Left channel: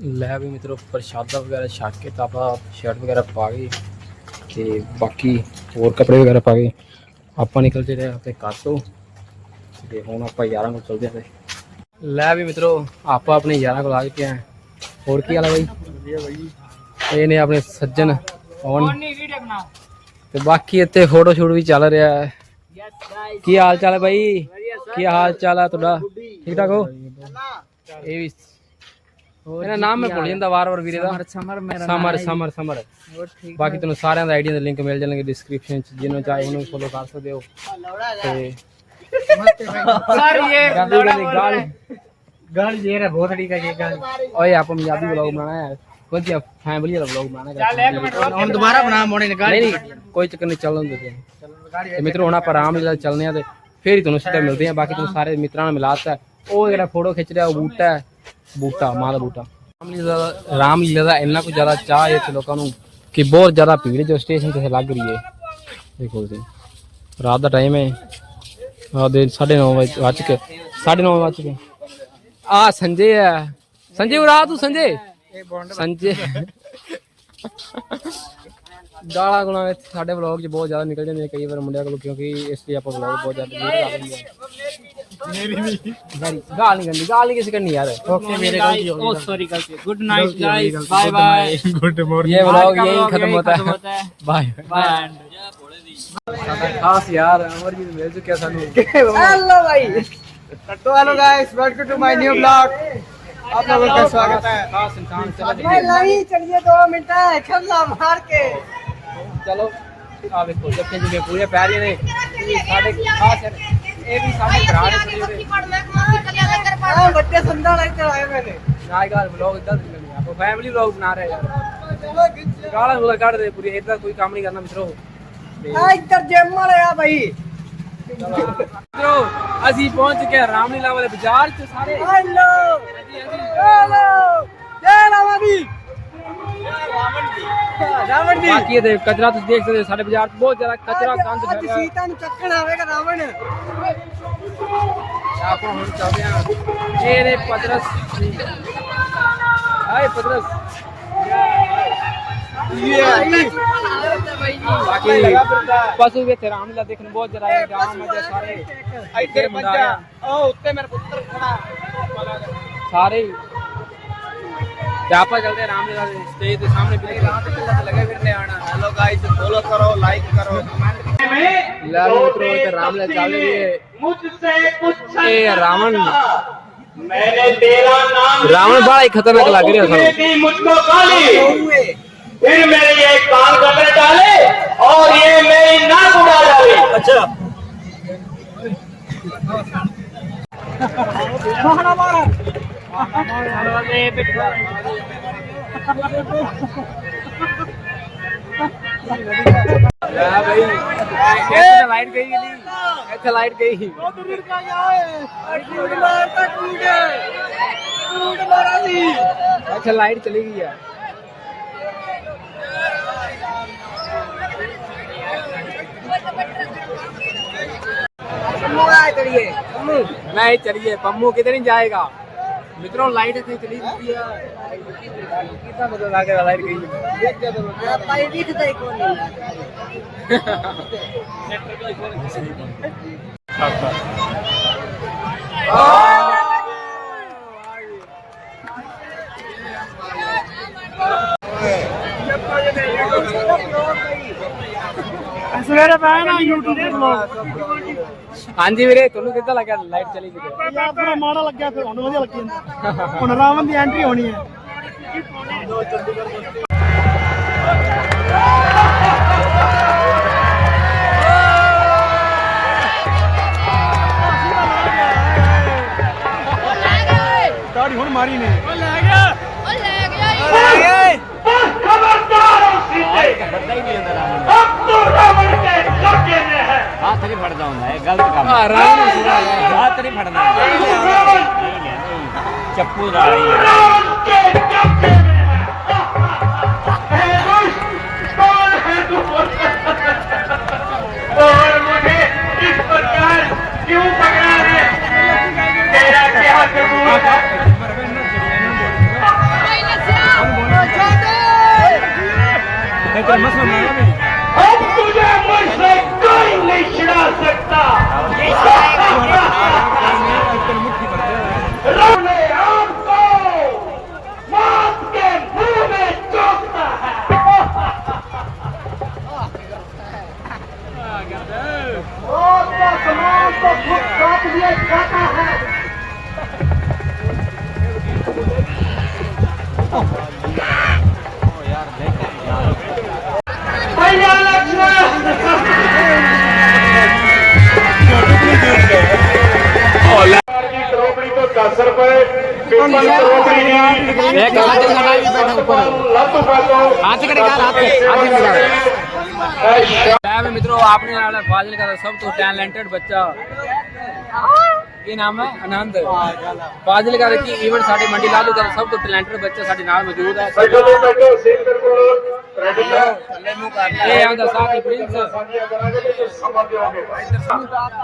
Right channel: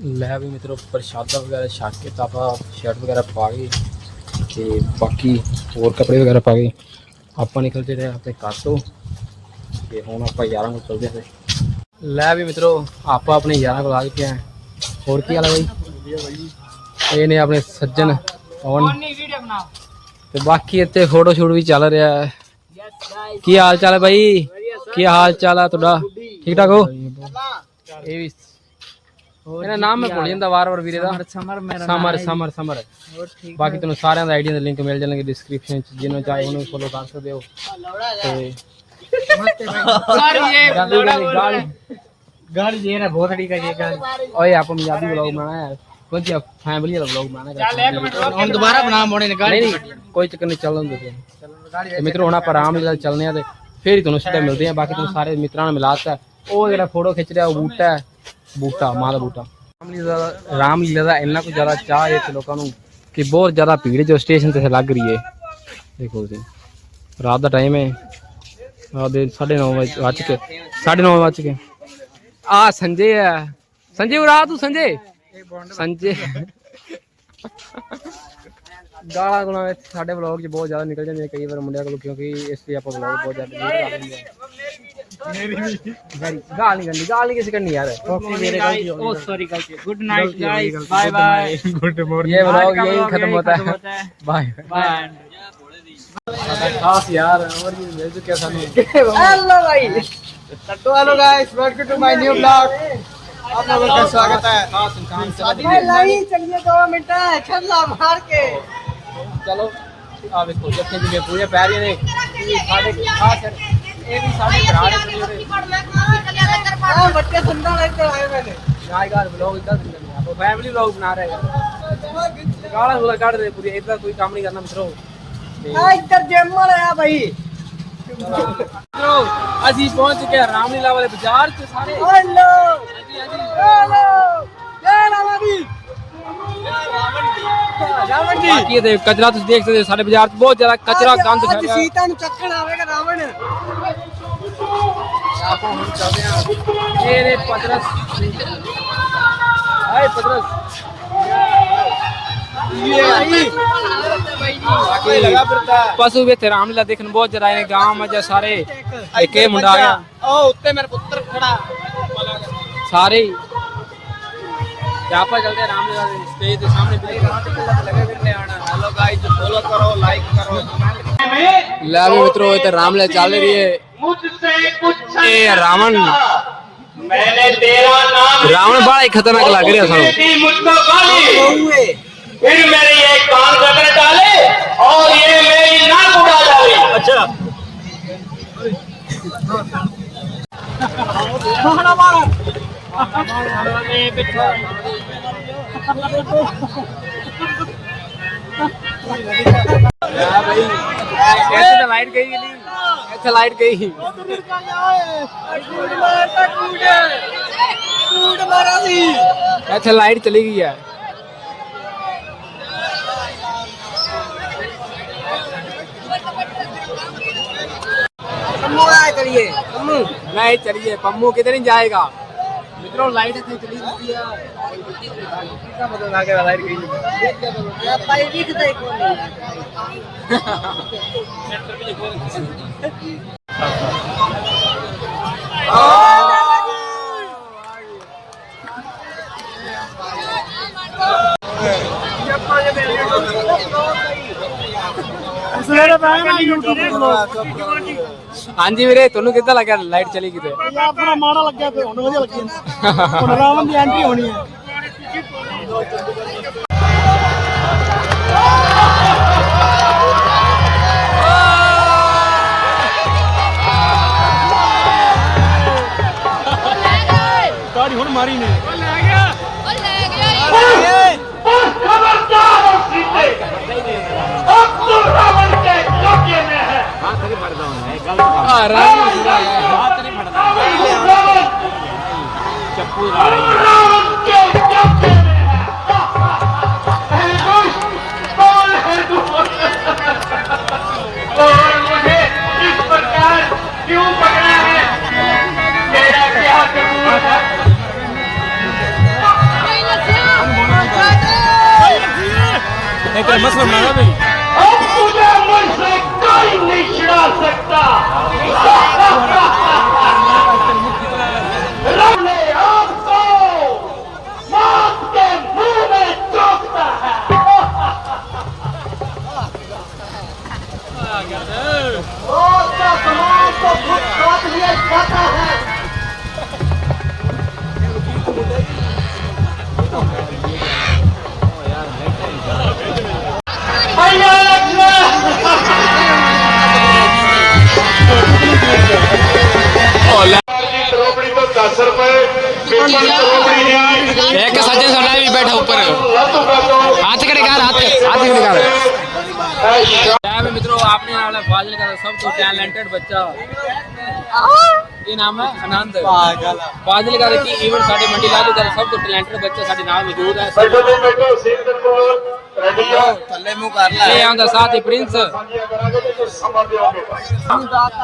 ਲੈ ਵੀ ਮਿੱਤਰੋ ਪ੍ਰਸ਼ਾਦਾ ਵਗੈਰਾ ਛਕ ਕੇ ਤਾਂ ਆਪਾਂ ਸ਼ਰਟ ਵਗੈਰਾ ਪਾ ਗਏ ਤੇ ਬਾਕੀ ਹੋਰ ਕੱਪੜੇ ਵਗੈਰਾ ਪਾ ਗਏ ਆਪਾਂ ਨਿਕਲ ਚਲੇ ਆਪਣੇ ਘਰ ਤੋਂ ਤੇ ਹੁਣ ਆਪਾਂ ਯਾਰਾਂ ਕੋਲ ਚਲਦੇ ਹਾਂ। ਲੈ ਵੀ ਮਿੱਤਰੋ ਆਪਾਂ ਆਪਣੇ ਯਾਰਾਂ ਕੋਲ ਆ ਚੁੱਕੇ ਹਾਂ। ਹੋਰ ਕੀ ਹਾਲ ਹੈ ਬਾਈ? ਇਹ ਨੇ ਆਪਣੇ ਸੱਜਣ ਪਵਨ। ਤੇ ਬਾਕੀ ਇੱਥੇ ਫੋਟੋ ਸ਼ੂਟ ਵੀ ਚੱਲ ਰਿਹਾ ਹੈ। ਕੀ ਹਾਲ ਚਾਲ ਹੈ ਬਾਈ? ਕੀ ਹਾਲ ਚਾਲ ਹੈ ਤੁਹਾਡਾ? ਠੀਕ ਠਾਕ ਹੋ? ਇਹ ਵੀ ਮੇਰਾ ਨਾਮ ਹੈ ਭੁੱਲ ਜਾਂਦਾ ਵਾਰ-ਵਾਰ ਵੀਰੇ ਦਾ। ਸਮਰ ਮੇਰਾ ਸਮਰ ਸਮਰ ਸਮਰ। ਹੈ ਬਾਕੀ ਤੁਹਾਨੂੰ ਸਾਰਿਆਂ ਦਾ ਆਈਡੀਆਂ ਦੇ ਲਿੰਕ ਮਿਲ ਜਾਣਗੇ ਡਿਸਕ੍ਰਿਪਸ਼ਨ ਚ ਜਿਹਨੂੰ ਚਾਹੇ ਉਹਨੂੰ ਫੋਲੋ ਕਰ ਸਕਦੇ ਹੋ। ਤੇ ਗਾਲੀ। ਗਾਲੀ ਗਾਲੀ ਜੇ ਨਾ ਬਹੁਤ ਅੜੀ ਕਾ ਗਾਲੀ। ਓਏ ਆਪ ਪੰਜਾਬੀ ਵਲੌਗ ਬਣਾਣਾ ਕੋਈ ਚੱਕਰ ਨਹੀਂ ਚੱਲਣ ਦਿੰਦੇ ਤੇ ਮਿੱਤਰੋ ਚੱਲਨੇ ਆ ਤੇ ਫੇਰ ਹੀ ਤੁਹਾਨੂੰ ਸਿੱਧਾ ਮਿਲਦੇ ਆ ਬਾਕੀ ਤੁਹਾਨੂੰ ਸਾਰੇ ਮਿੱਤਰਾਂ ਨਾਲ ਮਿਲਾਤਾ ਉਹ ਜਿਹੜਾ ਫੋਟੋ ਖਿੱਚ ਰਿਹਾ ਉਹ ਬੂਟਾ ਹੈ। ਬੂਟਾ ਮਾਂ ਦਾ ਬੂਟਾ ਰਾਮਲੀਲਾ ਦਾ ਰਾਮਲੀਲਾ ਦਾ ਇੰਨਾ ਕੁ ਜ਼ਿਆਦਾ ਚਾਹ ਹੈ ਇੱਥੇ ਲੋਕਾਂ ਨੂੰ ਕਿ ਬਹੁਤ ਜ਼ਿਆਦਾ ਭੀੜ ਜੋ ਸਟੇਸ਼ਨ ਤੇ ਲੱਗ ਰਹੀ ਹੈ। ਦੇਖੋ ਤੁਸੀਂ, ਰਾਤ ਦਾ ਟਾਈਮ ਹੈ। ਆ ਦੇ 9:30 ਵਜੇ ਵੱਜ ਕੇ 9:30 ਵੱਜ ਕੇ ਆ ਸੰਜੇ ਹੈ। ਸੰਜੇ ਉਰਾ ਤੂੰ ਸੰਜੇ। ਸੰਜੇ। ਗਾਲਾਂ ਗੁਲਾਂ ਸਾਡੇ ਵਲੌਗ 'ਚ ਬਹੁਤ ਜ਼ਿਆਦਾ ਨਿਕਲ ਜਾਂਦੀਆਂ ਕਈ ਵਾਰ ਮੁੰਡਿਆਂ ਕੋਲ, ਕਿਉਂਕਿ ਇਸ ਲਈ ਆਪਾਂ ਵਲੌਗ ਬਹੁਤ ਜ਼ਿਆਦਾ ਡਿਲੀਟ ਕਰ मेरी भी गाल नहीं करनी गाल नहीं किसी करनी यार ओके मेरे गलती ओ सॉरी गलती good night guys bye bye good morning ये व्लॉग यही खत्म होता है बाय बाय खास यार और ये मेरे जो क्या सानू हेलो भाई तो hello guys welcome to my new blog आप लोगों का स्वागत है खास इंसान चलो भाई लाई चलिए दो मिनट छल्ला मार के चलो आ देखो जब के पूरे पैर ये ने साढ़े खास है ਇਹ ਵੀ ਸਾਡੇ ਭਰਾ ਨੇ ਛੋਟੇ ਛੋਟੇ बच्चे सुंदर रहते आए मैंने ਨਾਇਗਾਰ ਵਲੌਗ ਇਦਾਂ ਨਹੀਂ ਆਪਾਂ ਫੈਮਿਲੀ ਵਲੌਗ ਬਣਾ ਰਹੇ ਯਾਰ ਗਾਲਾਂ ਗੂਲਾਂ ਕੱਢ ਰਹੇ ਪੂਰੀ ਇਦਾਂ ਕੋਈ ਕੰਮ ਨਹੀਂ ਕਰਨਾ ਮਿੱਤਰੋ ਤੇ इधर जिम वाले आ भाई ਮਿੱਤਰੋ ਅਸੀਂ ਪਹੁੰਚ ਚੁੱਕੇ ਹਾਂ ਰਾਮਲੀਲਾ ਵਾਲੇ ਬਾਜ਼ਾਰ 'ਚ ਸਾਰੇ हेलो ਹਾਂਜੀ ਹਾਂਜੀ हेलो जय रामाजी ਰਾਵਣ ਦੇ ਕਚਰਾ ਤੁਸੀਂ ਦੇਖ ਸਕਦੇ ਹੋ ਸਾਡੇ ਬਾਜ਼ਾਰ 'ਚ ਬਹੁਤ ਜ਼ਿਆਦਾ ਕਚਰਾ ਗੰਦ ਅੱਜ ਫੈਲਿਆ। ਸੀਤਾ ਨੂੰ ਚੱਕਣ ਆਵੇਗਾ ਰਾਵਣ। ਆਪਾਂ ਹੁਣ ਚੱਲਦੇ ਹਾਂ। ਇਹ ਨੇ ਪਤਰਸ। ਹਾਏ ਪਤਰਸ। ਇਹ ਬਾਕੀ ਲਗਾ ਫਿਰਦਾ। ਪਸ਼ੂ ਰਾਮਲੀਲਾ ਦੇਖਣ ਬਹੁਤ ਜ਼ਿਆਦਾ ਆਏ ਗਾਂਵ ਮਜਾ ਸਾਰੇ। ਇੱਕ ਮੁੰਡਾ ਆ ਉਹ ਉੱਤੇ ਮੇਰੇ ਪੁੱਤਰ ਖੜਾ। ਸਾਰੇ यहाँ पर चलते राम स्टेज के सामने लाभ मित्रों तो रामले चाल रही है। ए रावण। रावण बड़ा ही खतरनाक लग रहा है फिर मेरे ये डाले और ये मेरी नाक उड़ा अच्छा। लाइट गई अच्छा लाइट गई अच्छा लाइट चली गई है नहीं चलिए, पम्मू किधर जाएगा? મિત્રો લાઈટ થઈ ચલી જતી આ કેટલા બધા લાગે લાઈટ ગઈ પાઈ વીક થઈ કોની ઉસલેરા બાય ના યુટ્યુબ બ્લોગ ਹਾਂਜੀ ਵੀਰੇ ਤੁਹਾਨੂੰ ਕਿੱਦਾਂ ਲੱਗਿਆ? ਲਾਈਟ ਚਲੀ ਕਿਤੇ? ਯਾਰ ਬੜਾ ਮਾੜਾ ਲੱਗਿਆ ਫਿਰ ਹੁਣ ਵਧੀਆ ਲੱਗੀ ਜਾਂਦਾ। ਹੁਣ ਰਾਵਣ ਦੀ ਐਂਟਰੀ ਹੋਣੀ ਹੈ। ਤਾੜੀ ਹੁਣ ਮਾਰੀ ਨੇ। ਉਹ ਲੈ ਗਿਆ। ਉਹ ਲੈ ਗਿਆ। ਖਬਰਦਾਰ ਸੀਤੇ ਫੜਦਾ ਹੁੰਦਾ ਇਹ ਗਲਤ ਕੰਮ ਆ ਰਾਮ ਨੂੰ ਸੁਣਾ ਯਾਰ ਹੱਥ ਨਹੀਂ ਫੜਨਾ। ਚੱਪੂ ਲਾ ਰਹੀ ਹੈ। Entre más formada, कोई ਰੋਪੜੀ ਤੋਂ 10 ਰੁਪਏ ਪੇਪਰ ਰੋਪੜੀ ਦੀ एक साजे सोना भी बैठा ऊपर ਲੱਤੂ ਤੋਂ हाथ करे हाथ हाथ निकाल ਇਹ ਸ਼ਾ- ਲੈ ਵੀ ਮਿੱਤਰੋ ਆਪਣੇ ਨਾਲ ਹੈ ਫਾਜ਼ਿਲ ਦਾ ਸਭ ਤੋਂ ਟੈਲੈਂਟਡ ਬੱਚਾ ਕੀ ਨਾਮ ਹੈ ਆਨੰਦ ਫਾਜ਼ਿਲ ਦਾ ਕੀ ਈਵੈਂਟ ਸਾਡੇ ਮੰਡੀ ਲਾਲੂ ਦਾ ਸਭ ਤੋਂ ਟੈਲੈਂਟਡ ਬੱਚਾ ਸਾਡੇ ਨਾਲ ਮੌਜੂਦ ਹੈ ਇੱਥੇ ਤੋਂ ਬੈਠੋ ਸੇਵ ये आंदा साथी प्रिंस।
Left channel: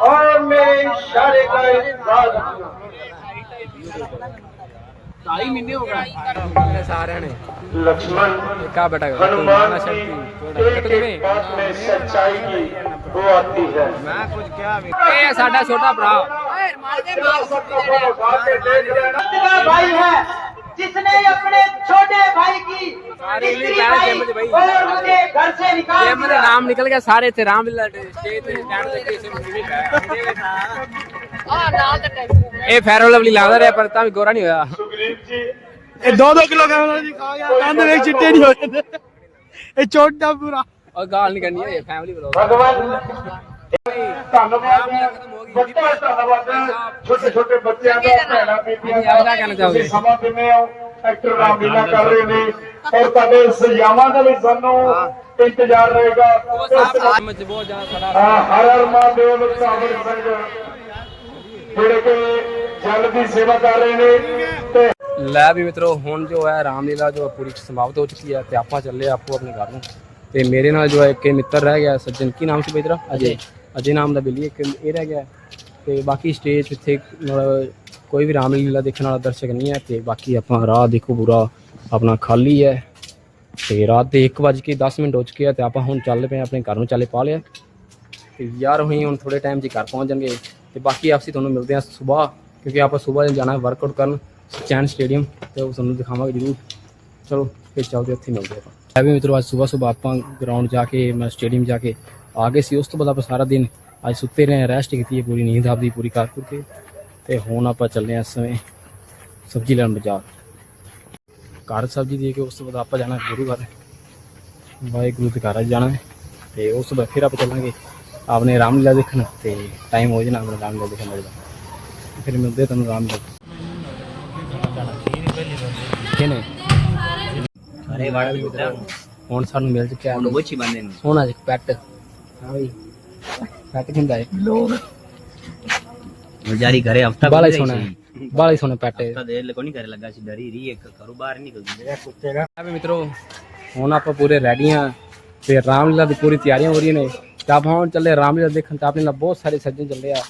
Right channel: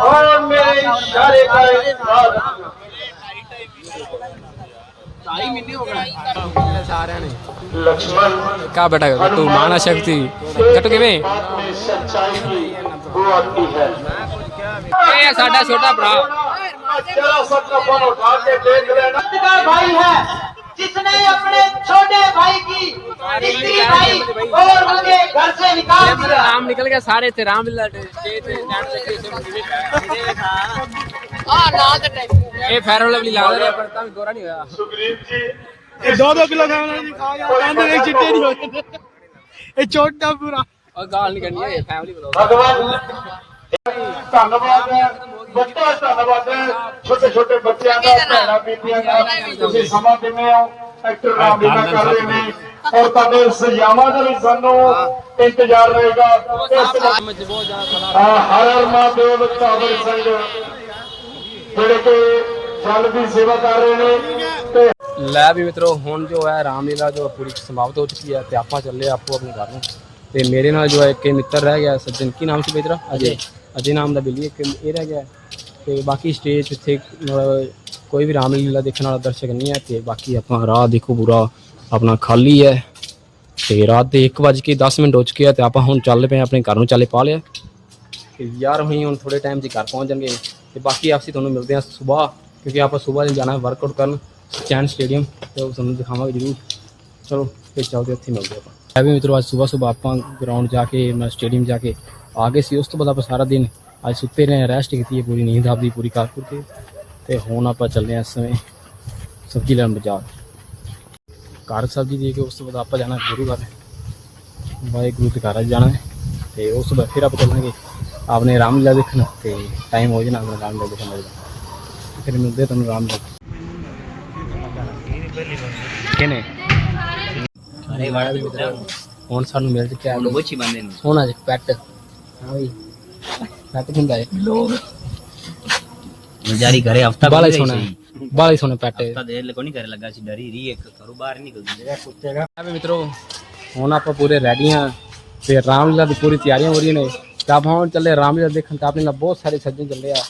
और मेरे इशारे का ने बेटा तू माना शक्ति। छोटा भरा। भाई है। जिसने अपने छोटे भाई की स्त्री भाई और उनके घर से निकाल ਇਹ ਮੇਰਾ दिया ਨਾਮ ਨਿਕਲ ਗਿਆ ਸਾਰੇ ਤੇ ਰਾਮਲੀਲਾ ਸਟੇਜ ਤੇ ਸਟੈਂਡ ਤੇ ਕਿਸੇ ਨੂੰ ਵੀ ਇਹ ਫੈਰੋ ਲਵਲੀ ਲੱਗਦਾ ਰਿਹਾ ਪਰ ਤਾਂ ਵੀ ਗੋਰਾ ਨਹੀਂ ਹੋਇਆ सुग्रीव जी ਇਹ 2-2 ਕਿਲੋ ਖਾਣਾ ਨਹੀਂ ਖਾ ਜਾ ਕੰਧ ਵਿੱਚ ਚਿੱਟੇ ਨਹੀਂ ਹੋ ਜਾਂਦੇ ਇਹ ਛੋਟਾ ਪੂਰਾ ਉਹ ਗਾਲ ਨਹੀਂ ਕਰਨੀ ਹੈ ਫੈਮਿਲੀ ਬਲੌਗ ਭਗਵਾਨ ਧੰਨਵਾਦ ਹੈ ਵੱਡਾ ਧੰਨਵਾਦ ਹੈ ਛੋਟੇ ਛੋਟੇ ਬੱਚਿਆਂ ਦਾ ਭੈਣਾਂ ਬੀਬੀਆਂ ਦਾ ਤੁਸੀਂ ਸਮਾਂ ਦਿੰਦੇ ਹੋ? ਐਕਟਰ ਨਾਮ ਲੀਲਾ ਕਰ ਰਹੇ ਨੇ। ਔਰ ਤੁਹਾਡੇ ਸਜਾਵਾਂ ਦਾ ਵੀ ਸਾਨੂੰ ਇੰਤਜ਼ਾਰ ਰਹੇਗਾ। ਇਸ ਬਹੁਤ ਜ਼ਿਆਦਾ ਖੜਾ ਹਰ ਹਰ ਮਹਾਦੇਵ ਕਾਬਲ ਸਿੰਘ ਜਿਹੜੇ ਕਿ ਜਲ ਦੀ ਸੇਵਾ ਕਰ ਰਹੇ ਨੇ ਤੇ ਲੈ ਵੀ ਮਿੱਤਰੋ ਹੁਣ ਜੋ ਹੈ ਰਾਮਲੀਲਾ ਜੋ ਪੂਰੀ ਸਮਾਪਤ ਹੋ ਚੁੱਕੀ ਹੈ ਤੇ ਆਪਾਂ ਚੱਲੇ ਆਪੋ ਆਪਣੇ ਘਰ ਨੂੰ। ਤੇ ਮੇਰੇ ਨਾਲ ਜੋ ਹੈ ਇੱਕ ਮਿੱਤਰ ਰਹਿ ਗਿਆ ਸੱਜਣ। ਕੀ ਨਾਮ ਸੀ ਬਈ ਤੇਰਾ ਅਜੇ। ਅਜੇ ਨਾਮ ਦਾ ਬਿੱਲੀ ਇੱਕ ਇਹ ਰਹਿ ਗਿਆ। ਤੇ ਬਾਕੀ ਸਟੇਜ ਇੱਥੇ ਮਤਲਬ ਕੋਈ ਵੀ ਰਾਮਲੀਲਾ ਦੇਖਣ ਵਾਲਾ ਦਰਸ਼ਕ ਨਹੀਂ ਹੈ ਤੇ ਬਾਕੀ ਆਪਾਂ ਰਾਹ ਦੇਖੋ ਪੂਰਾ, ਆਪਣਾ ਖਾਲੀ ਹੈ। ਤੇ ਰਾਤ ਦੇ 1:10 ਮਿੰਟ ਹੋ ਚੁੱਕੇ ਆ ਤੇ ਆਪਾਂ ਹੁਣ ਚੱਲ ਪਏ ਹਾਂ ਆਪਣੇ ਘਰ ਨੂੰ ਚੱਲੇ ਪਾ ਲਿਆ। ਤੇ ਯਾਰ ਹੋਈ ਹੁਣ ਥੋੜੇ ਟਾਈਮ 'ਚ ਘਰ ਪਹੁੰਚ ਜਾਣਗੇ। ਤੇ ਬਾਕੀ ਆਪਸੀ ਤੁਹਾਨੂੰ ਮਿਲਦੇ ਹਾਂ ਸਵੇਰ, ਕਿਉਂਕਿ ਆਪਾਂ ਸਵੇਰ ਜਾਣਾ ਹੈ ਵਰਕਆਊਟ ਕਰਨ ਚੈਨ ਸਟੇਡੀਅਮ ਤੇ ਉਹ ਤੁਹਾਨੂੰ ਦਿਖਾਵਾਂਗੇ ਜ਼ਰੂਰ। ਚਲੋ, ਫਿਰ ਚੱਲਦੇ ਉੱਥੇ ਮਿਲਦੇ ਆਪਾਂ। ਹੈ ਵੀ ਮਿੱਤਰੋ, ਅੱਜ ਸਵੇਰ ਸਵੇਰ ਆਪਾਂ ਗਰਾਊਂਡ ਜਾ ਕੇ, ਮੈਂ ਸਟੇਡੀਅਮ ਜਾ ਕੇ ਆ ਗਏ ਸੀ, ਉਸ ਤੋਂ ਬਾਅਦ ਆਪਾਂ ਸਾਰਾ ਦਿਨ ਅੱਜ ਸੁੱਤੇ ਰਹੇ ਰੈਸਟ ਕੀਤੀ ਹੈ ਪੂਰੀ ਨੀਂਦ ਆਪਦੀ ਪੂਰੀ ਕਰ ਕਰਕੇ ਤੇ ਹੁਣ ਆਪਾਂ ਚੱਲੇ ਹਾਂ ਇਸ ਸਮੇਂ ਸਬਜ਼ੀ ਲੈਣ ਬਾਜ਼ਾਰ। ਘਰ ਸਬਜ਼ੀ ਦੇ ਕੇ ਉਸ ਤੋਂ ਬਾਅਦ ਆਪਾਂ ਜਾਣਾ ਗੁਰੂ ਘਰ। ਵਾਹਿਗੁਰੂ ਦੇ ਘਰ ਜਾਣਾ ਹੈ। ਤੇ ਉਸ ਤੋਂ ਬਾਅਦ ਫਿਰ ਆਪਾਂ ਚੱਲਾਂਗੇ ਆਪਣੇ ਰਾਮਲੀਲਾ ਦੇਖਣ। ਤੇ ਟਾਈਮ ਹੋ ਜਾਣਾ ਆਪਣੇ ਰਾਮਲੀਲਾ ਦੇਖਣ ਦਾ। ਫਿਰ ਮਿਲਦੇ ਤੁਹਾਨੂੰ ਰਾਮਲੀਲਾ ਕਿਨੇ ਅਰੇ ਵਾਲਾ ਵੀ ਮਿੱਤਰ ਹੁਣ ਸਾਨੂੰ ਮਿਲ ਚੁੱਕਿਆ ਬੋਚੀ ਬੰਦੇ ਨੂੰ ਸੋਹਣਾ ਜਿਹਾ ਪੈਟ। ਹਾਂ ਬਈ। ਹੀ ਸੋਹਣਾ ਹੈ ਬਾਲਾ ਹੀ ਸੋਹਣਾ ਪੈਟ। ਹੈ ਦੇ ਲਕੋ ਨਹੀਂ ਘਰੇ ਲੱਗਾ ਸੀ ਡਰੀ ਰਹੀ ਇੱਕ ਘਰੋਂ ਬਾਹਰ ਨਿਕਲਦੀ ਆ ਵੀ ਮਿੱਤਰੋ ਹੁਣ ਆਪਾਂ ਪੂਰੇ ਰੈਡੀ ਹਾਂ ਤੇ ਰਾਮਲੀਲਾ ਦੀ ਪੂਰੀ ਤਿਆਰੀਆਂ ਹੋ ਰਹੀਆਂ ਨੇ। ਤੇ ਆਪਾਂ ਹੁਣ ਚੱਲੇ ਰਾਮਲੀਲਾ ਦੇਖਣ ਤਾਂ ਆਪਣੇ ਨਾਲ ਬਹੁਤ ਸਾਰੇ ਸੱਜਣ ਚੱਲੇ ਆ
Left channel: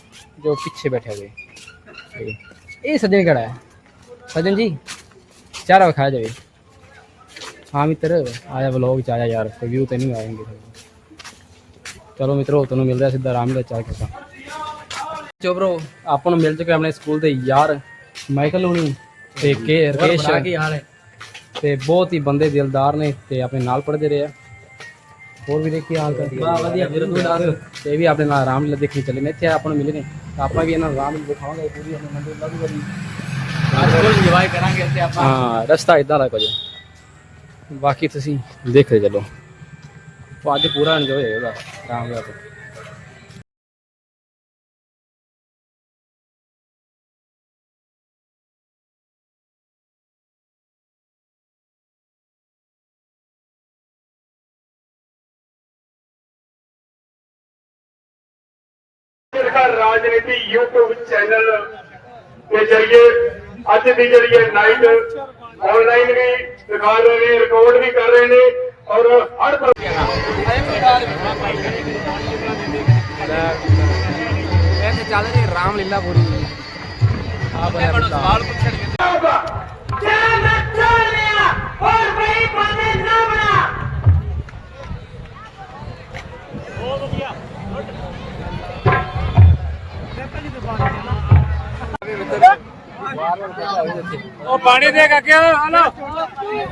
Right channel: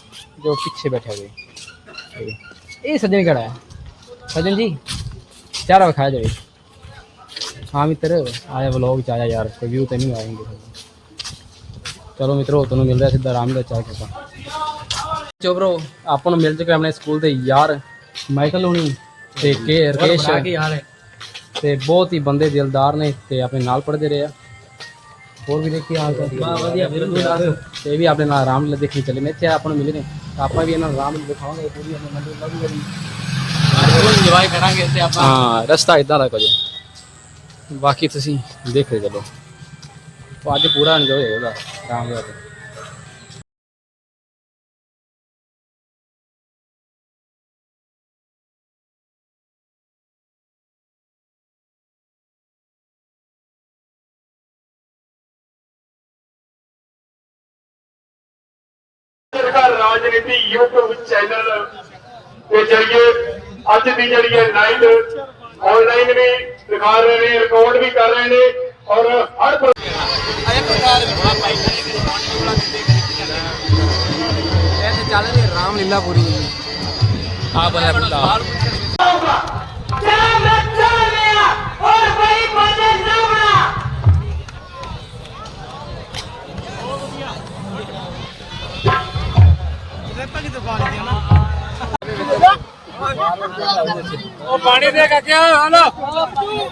ਜੋ ਪਿੱਛੇ ਬੈਠੇ ਹੋਏ। ਇਹ ਸੱਜਣ ਕਿਹੜਾ ਹੈ? ਸੱਜਣ ਜੀ ਚਾਰਾ ਵਿਖਾਇਆ ਜਾਏ ਹਾਂ ਮਿੱਤਰ ਆਇਆ ਵਲੌਗ ਚ ਆਇਆ ਯਾਰ ਕੋਈ ਵਿਊ ਤੇ ਨਹੀਂ ਆਏਂਗੇ ਚਲੋ ਮਿੱਤਰੋ ਤੁਹਾਨੂੰ ਮਿਲਦਾ ਸਿੱਧਾ ਰਾਮਲੀਲਾ ਚਾਹ ਕੇ ਆਪਾਂ। ਚੋਬਰੋ ਆਪਾਂ ਨੂੰ ਮਿਲ ਚੁੱਕੇ ਆਪਣੇ ਸਕੂਲ ਦੇ ਯਾਰ ਮਾਈਕਲ ਹੁਣੀ ਤੇ ਕੇ ਰਕੇਸ਼। ਤੇ ਬਹੁਤ ਹੀ ਬੰਦੇ ਦਿਲਦਾਰ ਨੇ ਤੇ ਆਪਣੇ ਨਾਲ ਪੜਦੇ ਰਹੇ ਆ। ਹੋਰ ਵੀ ਦੇਖੀ ਹਾਲ ਚਾਲ। ਵਧੀਆ ਵੀਰ ਤੂੰ ਤੇ ਵੀ ਆਪਣੇ ਨਾਲ ਰਾਮਲੀਲਾ ਦੇਖਣੀ ਚੱਲੇ। ਨੇ ਇੱਥੇ ਆਪਾਂ ਨੂੰ ਮਿਲੇ ਨੇ। ਤਾਂ ਆਪਾਂ ਵੀ ਇਹਨਾਂ ਨੂੰ ਰਾਮਲੀਲਾ ਦਿਖਾਵਾਂਗੇ। ਪੂਰੀ ਆਪਣੇ ਮੰਡੀ ਲਾਗੂ ਕਰੀ ਤੇ ਹਾਂ ਰਸਤਾ ਇਦਾਂ ਦਾ ਕੁਝ। ਬਾਕੀ ਤੁਸੀਂ ਦੇਖਦੇ ਚੱਲੋ। ਤਾਂ ਅੱਜ ਪੂਰਾ ਇੰਜੋਏ ਹੋਏਗਾ ਰਾਮਲੀਲਾ ਤੇ ਸਰਕਾਰ ਰਾਜਨੀਤੀ YouTube ਚੈਨਲ ਦੇ ਜਰੀਏ ਅੱਜ ਦੀ ਜਿਹੜੀ ਹੈ ਨਾਈਟ ਆਨਲਾਈਨ ਵੀ ਦਿਖਾ ਰਹੇ ਨੇ ਰਿਪੋਰਟ ਵੀ ਕਰ ਰਹੇ ਨੇ ਔਰ ਹਰ ਇੱਥੇ ਚੱਲ ਰਹੀ ਰਾਮ ਲੀਲਾ ਪੂਰੀ। ਆ ਬਲਾ ਬੁਲਾ ਉਹ ਪਾਣੀ ਦੇ ਕਾਕਿਆ ਹਲੋ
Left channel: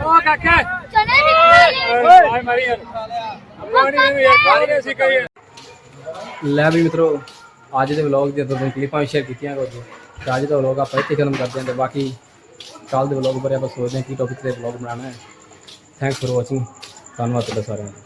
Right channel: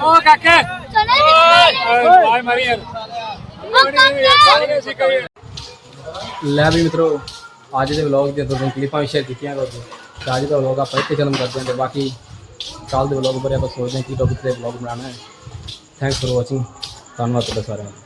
ਉਹ ਕਾਕਿਆ ਚਲੇ ਵੀ ਮਾਰੀ ਯਾਰ। ਲੈ ਵੀ ਮਿੱਤਰੋ, ਅੱਜ ਦੇ ਵਲੌਗ ਦੀਆਂ ਦੋ ਤਿੰਨ ਕਲਿੱਪਾਂ ਸ਼ੇਅਰ ਕੀਤੀਆਂ ਕੁਝ ਤੇ ਅੱਜ ਦਾ ਵਲੌਗ ਆਪਾਂ ਇੱਥੇ ਖਤਮ ਕਰਦੇ ਹਾਂ ਤੇ ਬਾਕੀ ਕੱਲ ਦੇ ਵਲੌਗ ਬਾਰੇ ਆਪਾਂ ਸੋਚਦੇ ਹਾਂ ਕੀ ਟੌਪਿਕ ਤੇ ਵਲੌਗ ਬਣਾਉਣਾ ਹੈ। ਥੈਂਕਸ ਫॉर ਵਾਚਿੰਗ ਧੰਨਵਾਦ ਤੁਹਾਡਾ ਸਾਰਿਆਂ ਦਾ।